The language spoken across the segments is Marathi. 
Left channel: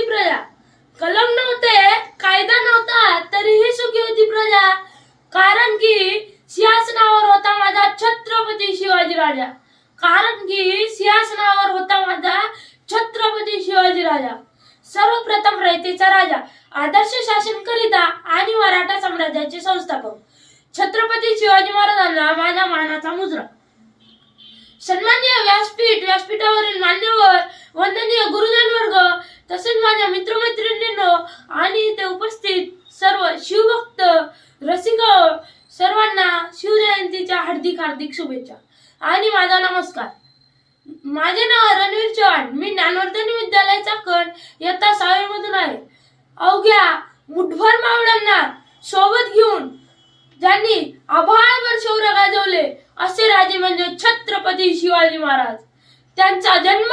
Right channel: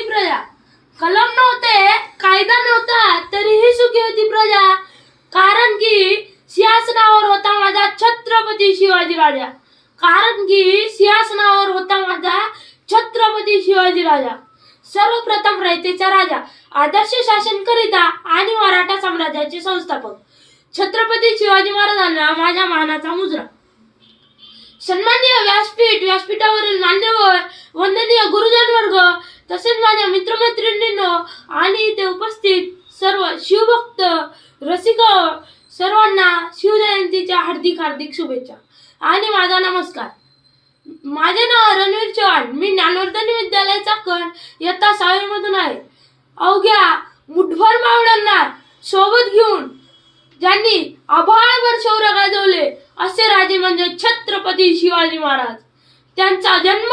होती प्रजा. कलम नव्हते, कायदा नव्हता, तरीही सुखी होती प्रजा. कारण की सिंहासनावर होता माझा छत्रपती शिवाजी राजा. कारण की सिंहासनावर होता माझा छत्रपती शिवाजी राजा. सर्वप्रथम रयतेचा राजा, आदर्श शासन करिता आणि मराठा साम्राज्याचे संस्थापक छत्रपती शिवाजी महाराजांना माझ्या मानाचा मुजरा. सन्माननीय व्यासपीठ, व्यासपीठावरील मान्यवर, वंदनीय गुरुजन वर्ग, तसेच माझ्या मित्रमैत्रिणींनो आणि इथे उपस्थित सर्व शिवभक्त रसिक सर्वांना शिवजयंतीच्या हार्दिक हार्दिक शुभेच्छा आणि माझा नमस्कार. माझे नाव रणवीर चव्हाण. मी ज्ञानवर्धनी विद्यालयाचा कण इयत्ता 6वी मधून आहे. अवघ्या मुठभर मावळ्यांना सोबत घेऊन ज्यांनी आभाळभर शौर्य गाजवले असे राजे म्हणजे छत्रपती शिवाजी महाराज. त्यांचा जन्म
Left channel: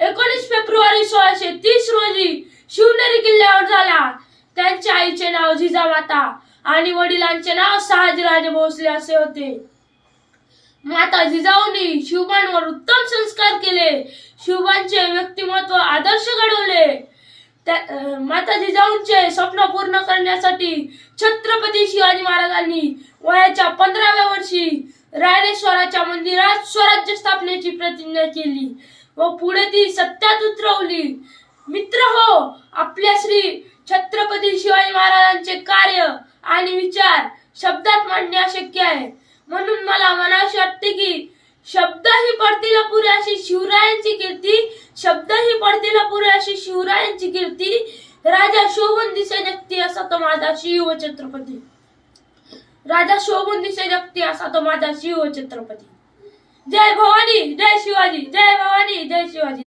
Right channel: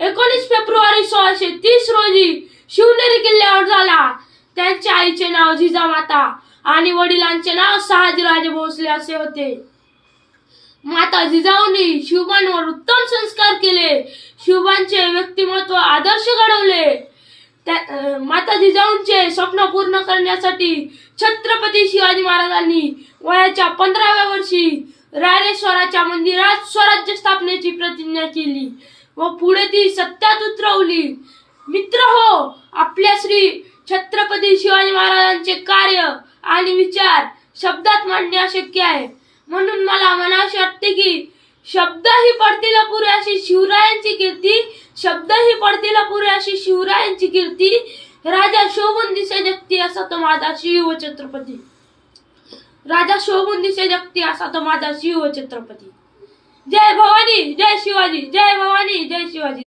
19 फेब्रुवारी 1630 रोजी शिवनेरी किल्ल्यावर झाला. त्यांच्या आईचे नाव जिजामाता आणि वडिलांचे नाव शहाजीराजे भोसले असे होते. माता जिजाऊंनी शिवबांवर उत्तम संस्कार केले. शिवबांचे व्यक्तिमत्व आदर्श घडवले. माता जिजाऊंचे स्वप्न पूर्ण करण्यासाठी छत्रपती शिवाजी महाराजांनी वयाच्या 15व्या वर्षी रायरेश्वराच्या मंदिरात स्वराज्य स्थापनेची प्रतिज्ञा केली व पुढे ती सत्यात उतरवली. मित्र हो, आपल्या श्री छत्रपती शिवाजी महाराजांचे कार्य आणि विचार शब्दात मांडणे अशक्य आहे. म्हणून मला म्हणावसे वाटते की शब्दही पडतील पुरे अशी शिवरायांची कीर्ती, शब्दही पडतील पुरे अशी शिवरायांची कीर्ती. राजा शोभून दिसे जगती असा तो माझा शिव छत्रपती. राजा शोभून दिसे जगती असा तो माझा शिव छत्रपती. जय भवानी, जय शिवाजी. जय भवानी, जय शिवाजी.